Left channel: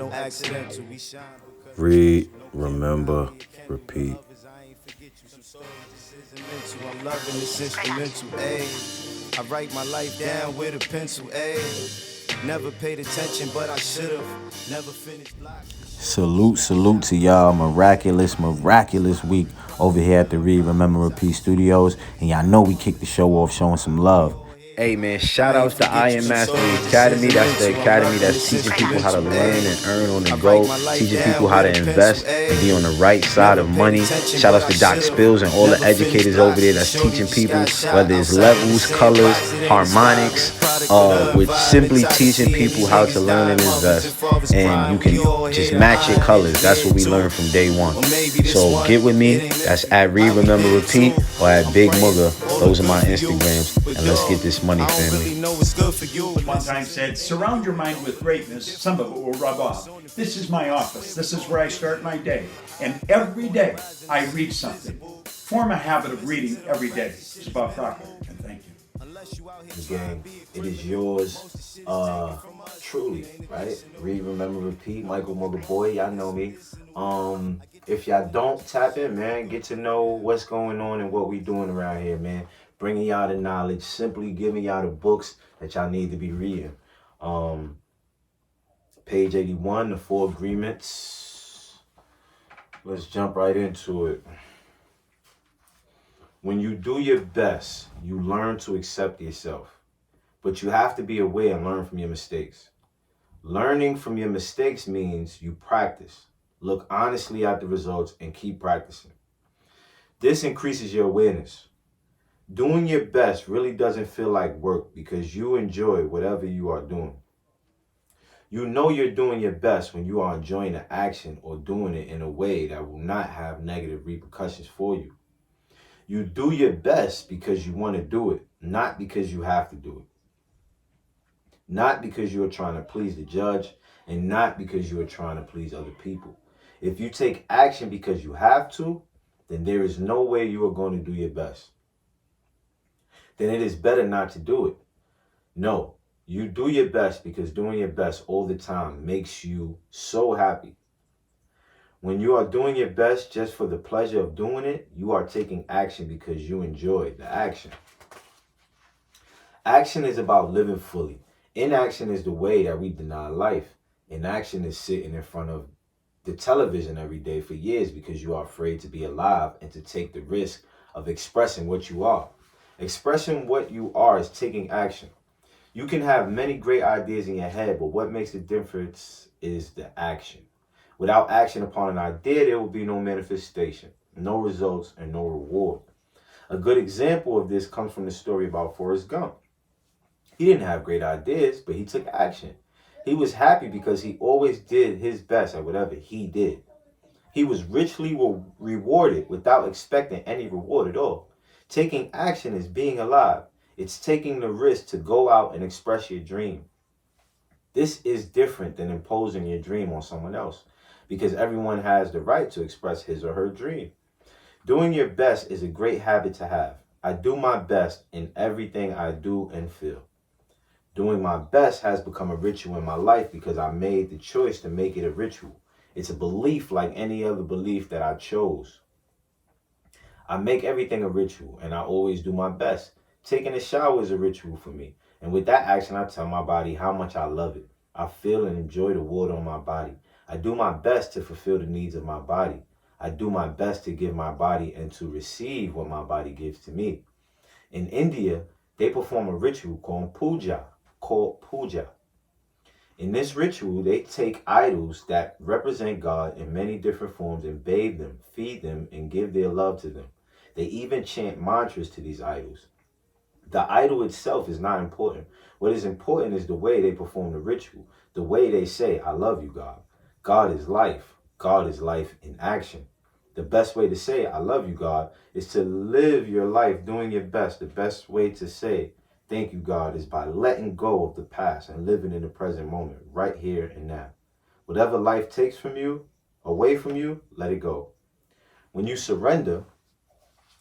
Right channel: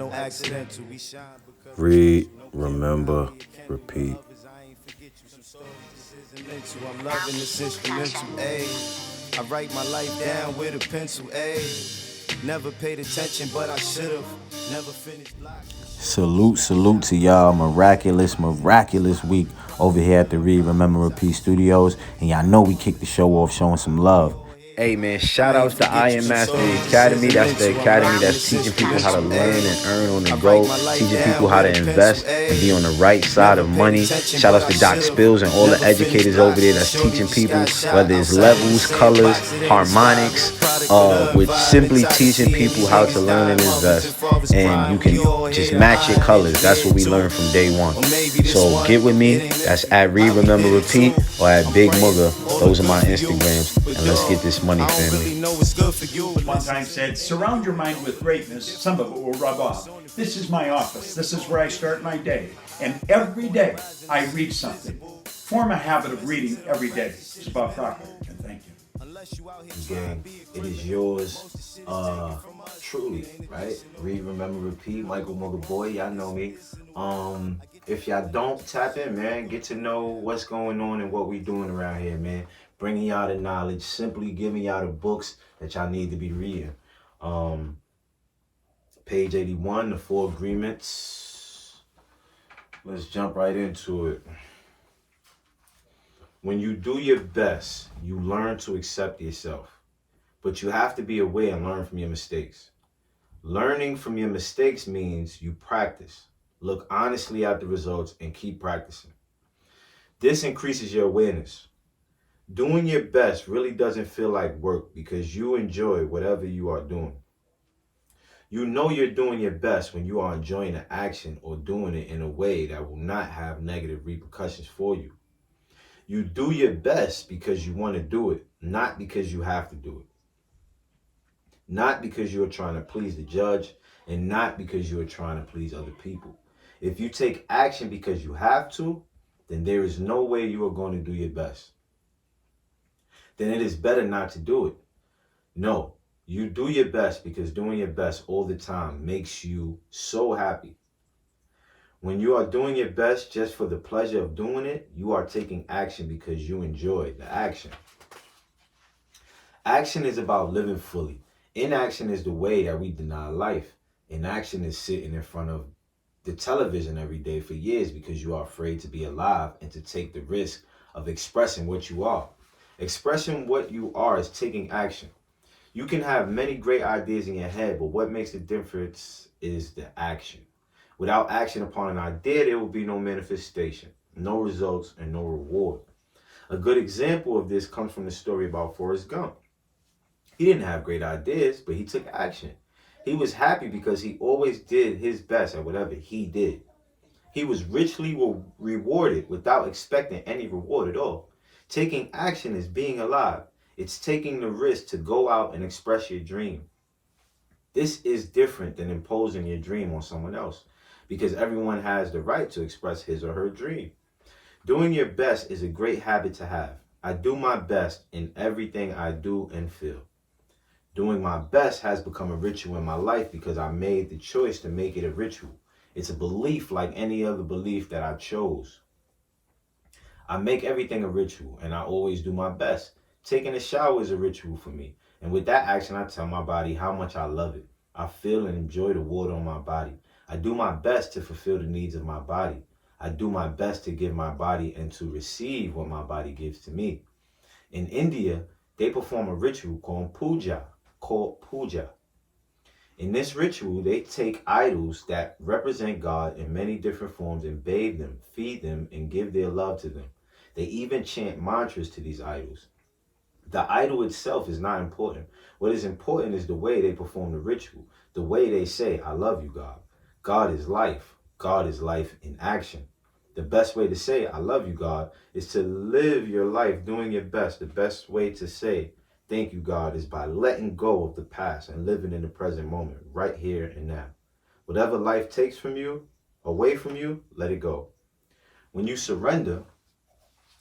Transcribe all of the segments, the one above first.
no accidental. We shine because Read, remember, repeat. I'm loving this instrumental, ayy. I write my life down with a pencil, ayy. Never paid attention, but I should've. Never finished blocks. Salute to y'all. Miraculous week over here at the Read, Remember, Repeat Studios. And y'all know we kicked the show off showing some love. Hey man, shout outs to I Am Mastery Academy. That's the academy that's teaching people how to learn and earn on the go, teaching people how to invest and be on the right side of money. Shout outs to Doc Spills and all the educators over there that's teaching people, whether it's levels, colors, harmonics, with simply teaching people how to learn and invest. And you can just match your colors. That's what we learned from day one. So get with me. That's at Read, Remember, Repeat, or at Big MUGGA. Those are my Instagrams. And let's get this money, family. One time said, surround your mind with greatness, some of it will rub off. This is my office. This is where I start my day. And every day I read something. Form a habit of reading every day. It's about Crocker, and thank you. Again, it is yours, truly, right? Read, remember, repeat. Michael Mugga Boy, y'all know me. If y'all don't tap in, man, get to know what's going on and what we doing around here, man. Bringing y'all the knowledge, simply giving y'all the books that y'all need to be reading. Page 81, the 4 agreements. Let's jump right into it. When you do your best, you learn to accept yourself. But you have to be aware and learn from your mistakes. Learning from your mistakes means you practice. Look honestly at the results and keep practicing. This increases your awareness. Doing your best really doesn't feel like work because you enjoy whatever you are doing. You know you're doing your best when you are enjoying the action or doing it in a way that will not have negative repercussions for you. You do your best because you want to do it, not because you have to do it. Not because you're trying to please the judge, and not because you're trying to please other people. If you take action because you have to, then there is no way you are going to do your best. Then it is better not to do it. No, you do your best because doing your best all the time makes you so happy. When you are doing your best just for the pleasure of doing it, you are taking action because you enjoy the action. Action is about living fully. Inaction is the way that we deny life. Inaction is sitting in front of the television every day for years because you are afraid to be alive and to take the risk of expressing what you are. Expressing what you are is taking action. You can have many great ideas in your head, but what makes the difference is the action. Without action upon an idea, there will be no manifestation, no results, and no reward. A good example of this comes from the story about Forrest Gump. He didn't have great ideas, but he took action. He was happy because he always did his best at whatever he did. He was richly rewarded without expecting any reward at all. Taking action is being alive. It's taking the risk to go out and express your dream. This is different than imposing your dream on someone else, because everyone has the right to express his or her dream. Doing your best is a great habit to have. I do my best in everything I do and feel. Doing my best has become a ritual in my life because I made the choice to make it a ritual. It's a belief like any other belief that I chose. I make everything a ritual and I always do my best. Taking a shower is a ritual for me. And with that action, I tell my body how much I love it. I feel and enjoy the water on my body. I do my best to fulfill the needs of my body. I do my best to give my body and to receive what my body gives to me. In India, they perform a ritual called puja. In this ritual, they take idols that represent God in many different forms and bathe them, feed them, and give their love to them. They even chant mantras to these idols. The idol itself is not important. What is important is the way they perform the ritual, the way they say, I love you, God. God is life. God is life in action. The best way to say, I love you, God, is to live your life doing your best. The best way to say, thank you, God, is by letting go of the past and living in the present moment, right here and now. Whatever life takes from you, away from you, let it go. When you surrender,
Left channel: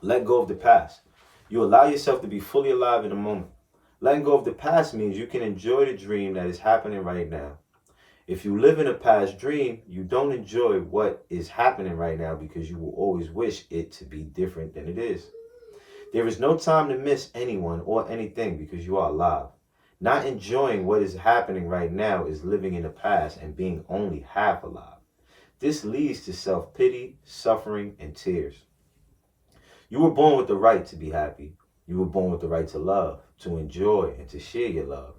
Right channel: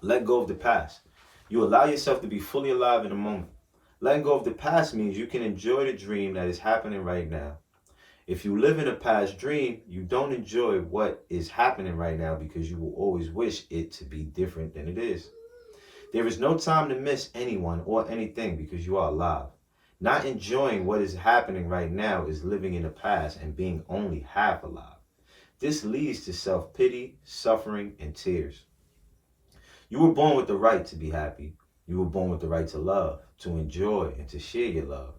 let go of the past. You allow yourself to be fully alive in the moment. Letting go of the past means you can enjoy the dream that is happening right now. If you live in a past dream, you don't enjoy what is happening right now because you will always wish it to be different than it is. There is no time to miss anyone or anything because you are alive. Not enjoying what is happening right now is living in the past and being only half alive. This leads to self-pity, suffering, and tears. You were born with the right to be happy. You were born with the right to love, to enjoy, and to share your love.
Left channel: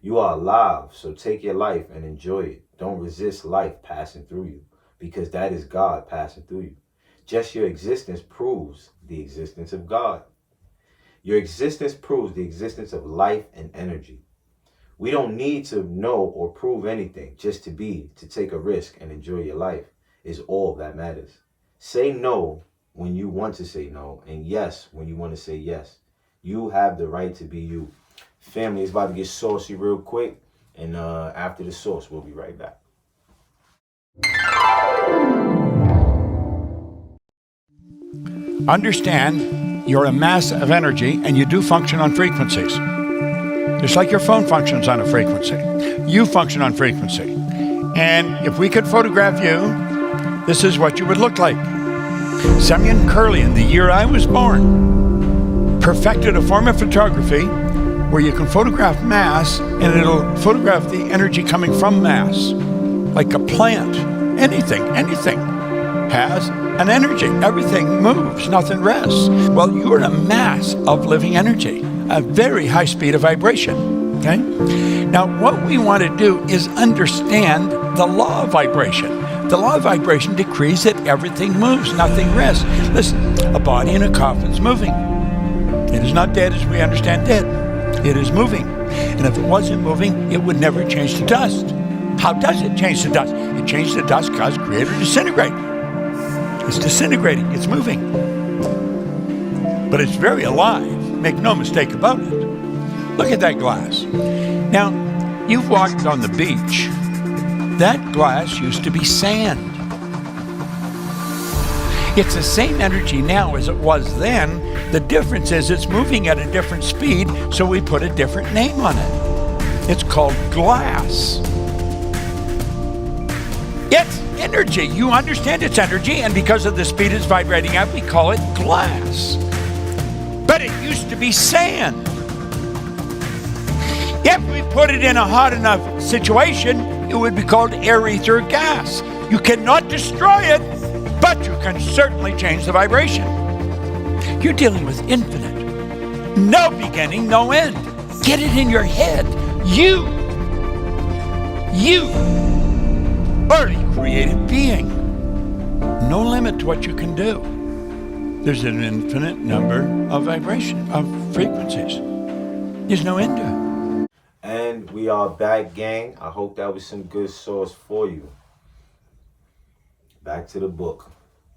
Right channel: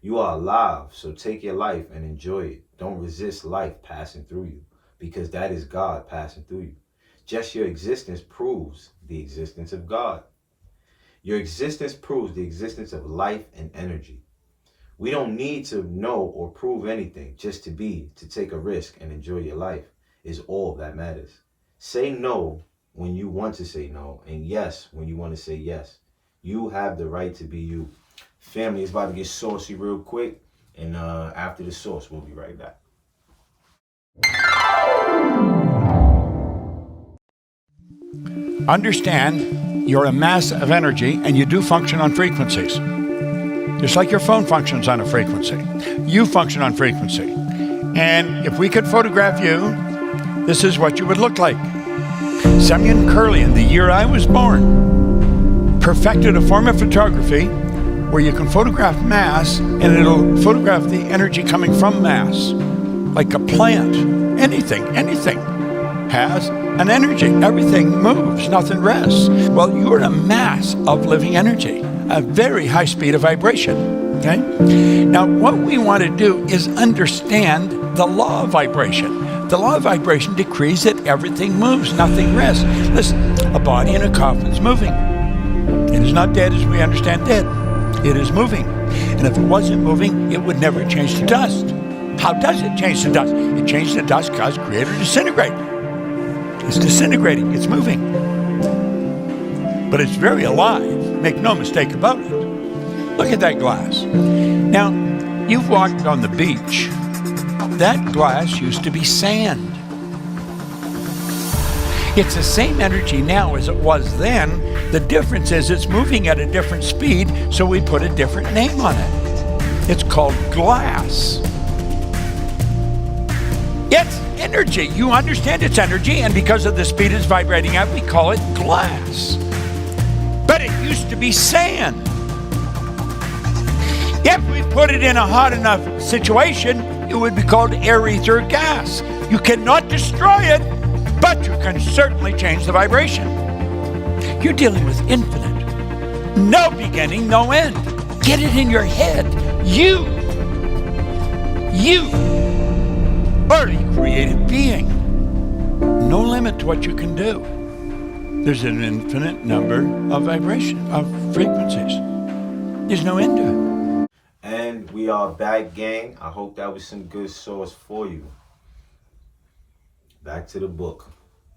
You are alive, so take your life and enjoy it. Don't resist life passing through you, because that is God passing through you. Just your existence proves the existence of God. Your existence proves the existence of life and energy. We don't need to know or prove anything. Just to be, to take a risk and enjoy your life is all that matters. Say no when you want to say no, and yes when you want to say yes. You have the right to be you. Family, is about to get saucy real quick, and after the sauce, we'll be right back. Understand you're a mass of energy and you do function on frequencies. Just like your phone functions on a frequency. You function on frequency. And if we could photograph you, this is what you would look like. Semyon Kurlian, the year I was born, perfected a form of photography where you can photograph mass and it'll photograph the energy coming from mass. Like a plant, anything has an energy. Everything moves, nothing rests. Well, you're a mass of living energy, a very high speed of vibration, okay? Now, what we want to do is understand the law of vibration. The law of vibration decrees that everything moves, nothing rests. Listen, a body in a coffin is moving. It is not dead as we understand dead. It is moving. And if it wasn't moving, it would never change to dust. How does it change to dust? It changes to dust because creator disintegrate. It's disintegrating, it's moving. But it's very alive, make no mistake about it. Look at that glass. Now, you've walked on the beach. That glass used to be sand. It's the same energy now as it was then. The difference is it's moving at a different speed, so we put a different name on it. It's called glass. It's energy. You understand it's energy, and because of the speed it's vibrating at, we call it glass. But it used to be sand. If we put it in a hot enough situation, it would be called air, ether, gas. You cannot destroy it, but you can certainly change the vibration. You're dealing with infinite. No beginning, no end. Get it in your head. You are a creative being. No limit to what you can do. There's an infinite number of frequencies. There's no end to it. And we are back, gang. I hope that was some good sauce for you. Back to the book.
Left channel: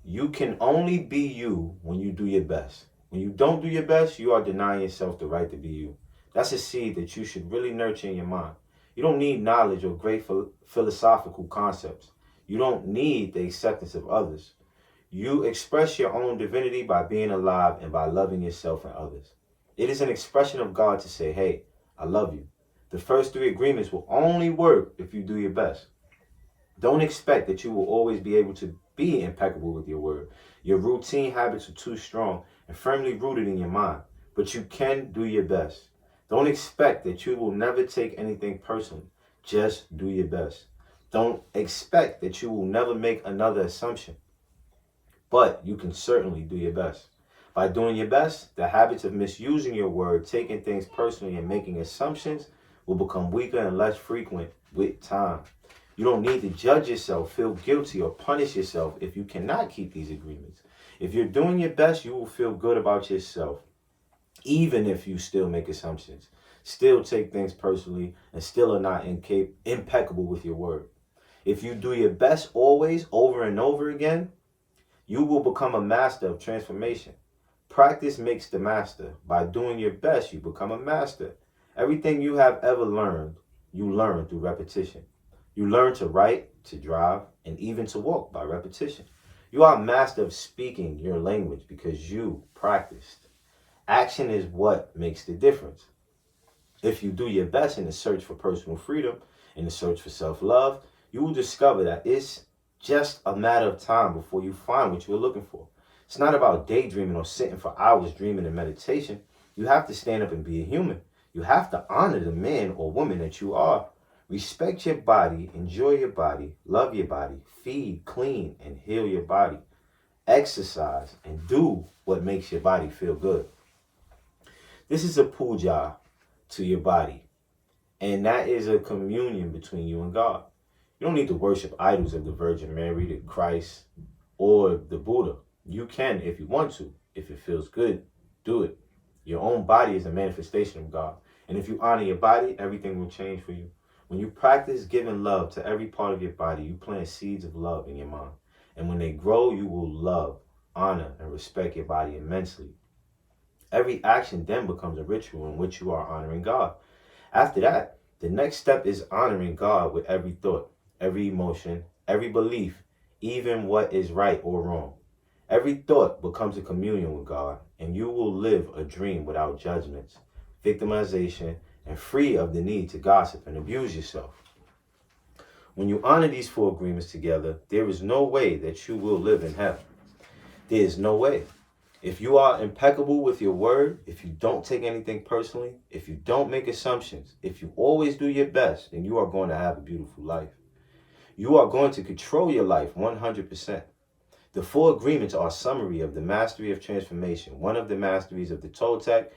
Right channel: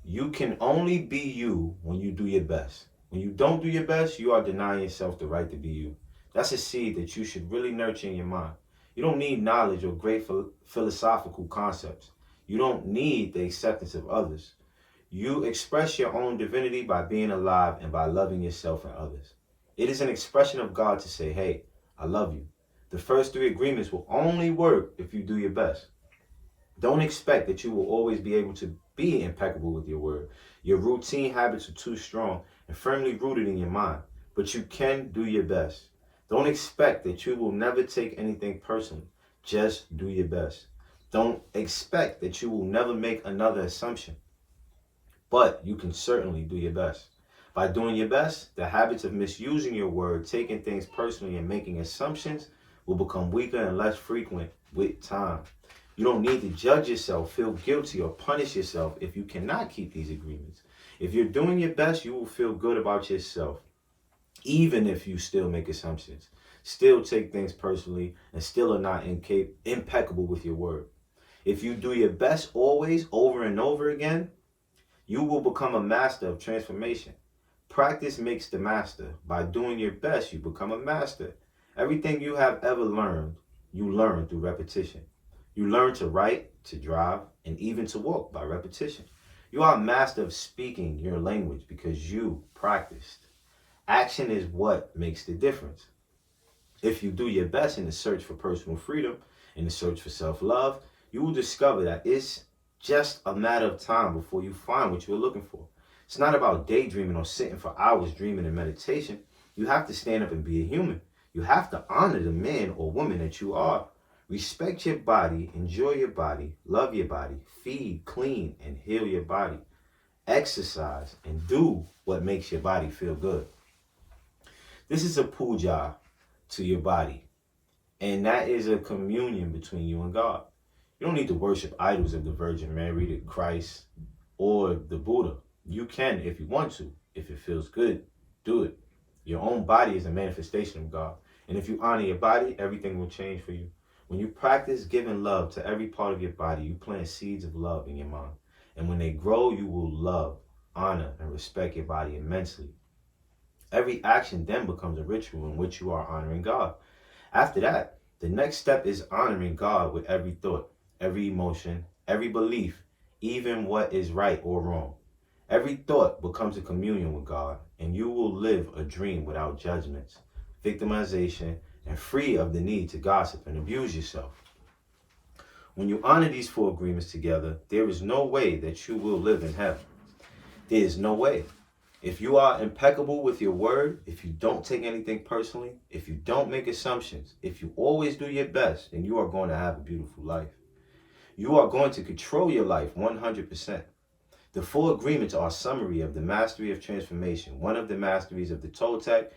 You can only be you when you do your best. When you don't do your best, you are denying yourself the right to be you. That's a seed that you should really nurture in your mind. You don't need knowledge or great philosophical concepts. You don't need the acceptance of others. You express your own divinity by being alive and by loving yourself and others. It is an expression of God to say, hey, I love you. The first 3 agreements will only work if you do your best. Don't expect that you will always be able to be impeccable with your word. Your routine habits are too strong and firmly rooted in your mind, but you can do your best. Don't expect that you will never take anything personally. Just do your best. Don't expect that you will never make another assumption, but you can certainly do your best. By doing your best, the habits of misusing your word, taking things personally, and making assumptions will become weaker and less frequent with time. You don't need to judge yourself, feel guilty, or punish yourself if you cannot keep these agreements. If you're doing your best, you will feel good about yourself, even if you still make assumptions, still take things personally, and still are not impeccable with your word. If you do your best always, over and over again, you will become a master of transformation. Practice makes the master. By doing your best, you become a master. Everything you have ever learned, you learn through repetition. You learn to write, to drive, and even to walk by repetition. You are a master of speaking your language because you practiced. Action is what makes the difference. If you do your best in the search for personal freedom in the search for self-love, you will discover that it's just a matter of time before you find what you're looking for. It's not about daydreaming or sitting for hours dreaming in meditation. You have to stand up and be a human. You have to honor the man or woman that you are. Respect your body, enjoy your body, love your body, feed, clean, and heal your body. Exercise and do what makes your body feel good. This is a puja to your body. And that is a communion between you and God. You don't need to worship idols of the Virgin Mary, the Christ, or the Buddha. You can if you want to. If it feels good, do it. Your own body is a manifestation of God. And if you honor your body, everything will change for you. When you practice giving love to every part of your body, you plant seeds of love in your mind. And when they grow, you will love, honor, and respect your body immensely. Every action then becomes a ritual in which you are honoring God. After that, the next step is honoring God with every thought, every emotion, every belief, even what is right or wrong. Every thought becomes a communion with God, and you will live a dream without judgments, victimization, and free of the need to gossip and abuse yourself. When you honor these 4 agreements together, there is no way that you will live in hell. There is no way. If you are impeccable with your word, if you don't take anything personally, if you don't make assumptions, if you always do your best, then you are going to have a beautiful life. You are going to control your life 100%. The 4 agreements are a summary of the mastery of transformation. One of the masteries of the Toltec,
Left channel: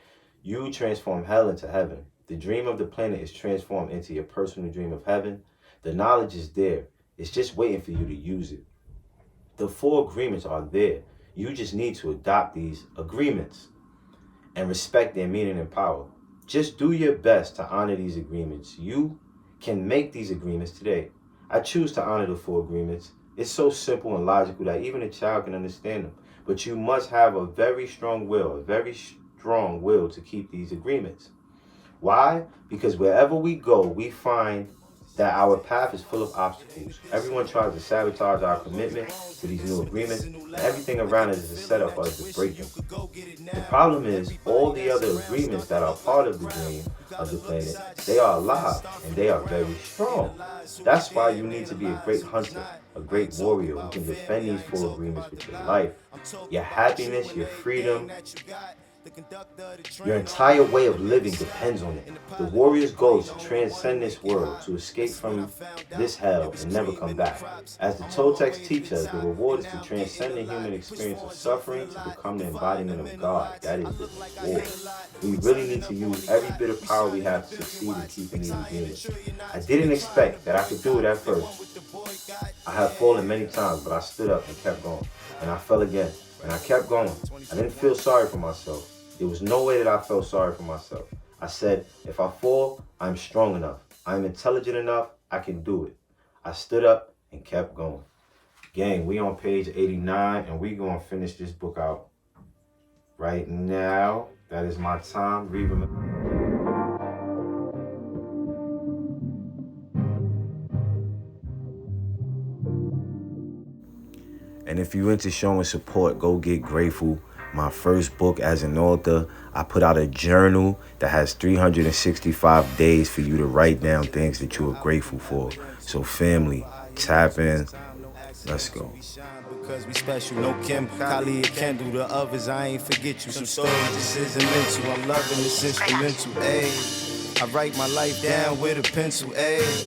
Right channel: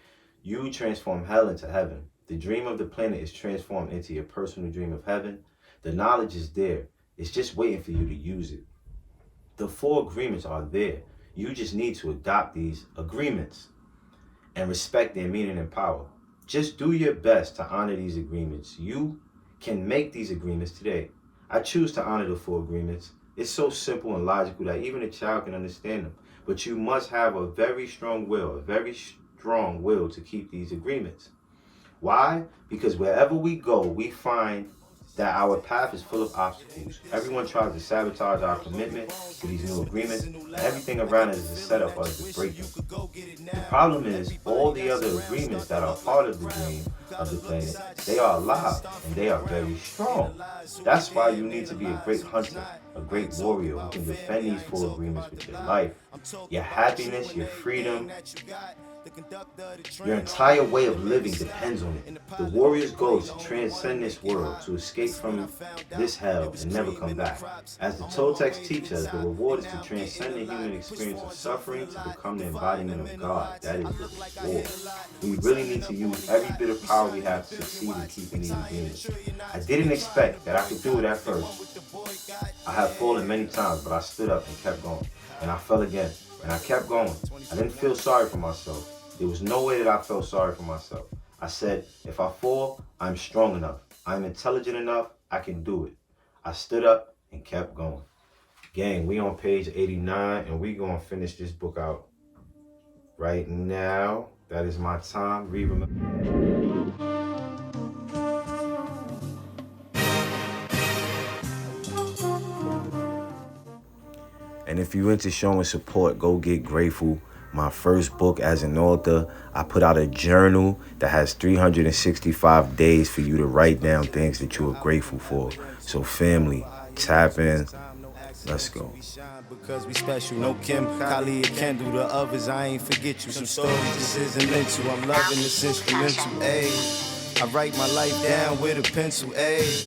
you transform hell into heaven. The dream of the planet is transformed into your personal dream of heaven. The knowledge is there. It's just waiting for you to use it. The 4 agreements are there. You just need to adopt these agreements and respect their meaning and power. Just do your best to honor these agreements. You can make these agreements today. I choose to honor the 4 agreements. It's so simple and logical that even a child can understand them. But you must have a very strong will to keep these agreements. Why? Because wherever we go, we find that our path is full of obstacles. Everyone tries to sabotage our commitment to these new agreements, and everything around us is a setup for us to break them. The problem is, all the other agreements that are part of the dream of the planet, they are alive, and they are very strong. That's why you need to be a great hunter, a great warrior who can defend these 4 agreements with your life, your happiness, your freedom. Your entire way of living depends on it. The warrior's goal is to transcend this world, to escape from this hell and never come back. As the Toltecs teach us, the reward is to transcend the human experience of suffering to become the embodiment of God. That is the reward. We really need to use every bit of power we have to succeed in keeping these agreements. I didn't expect that I could do it at first. I have fallen many times, but I stood up and kept going. And I fell again. And I kept going. I didn't feel sorry for myself. There was no way that I felt sorry for myself. I said, if I fall, I'm strong enough. I'm intelligent enough. I can do it. I stood up and kept going. Gang, we on page 89, and we going to finish this book out right now. That is my time. And if you're into showing support, go get Grateful. My first book as an author. I put out a journal that has 365 days for you to write down things that you are grateful for. So family, tap in. Let's go. Because we special, no Kim, Kali, can do the others. I ain't forget you. Some stories just isn't mental. I'm loving this instrumental, ayy. I write my life down with a pencil, ayy.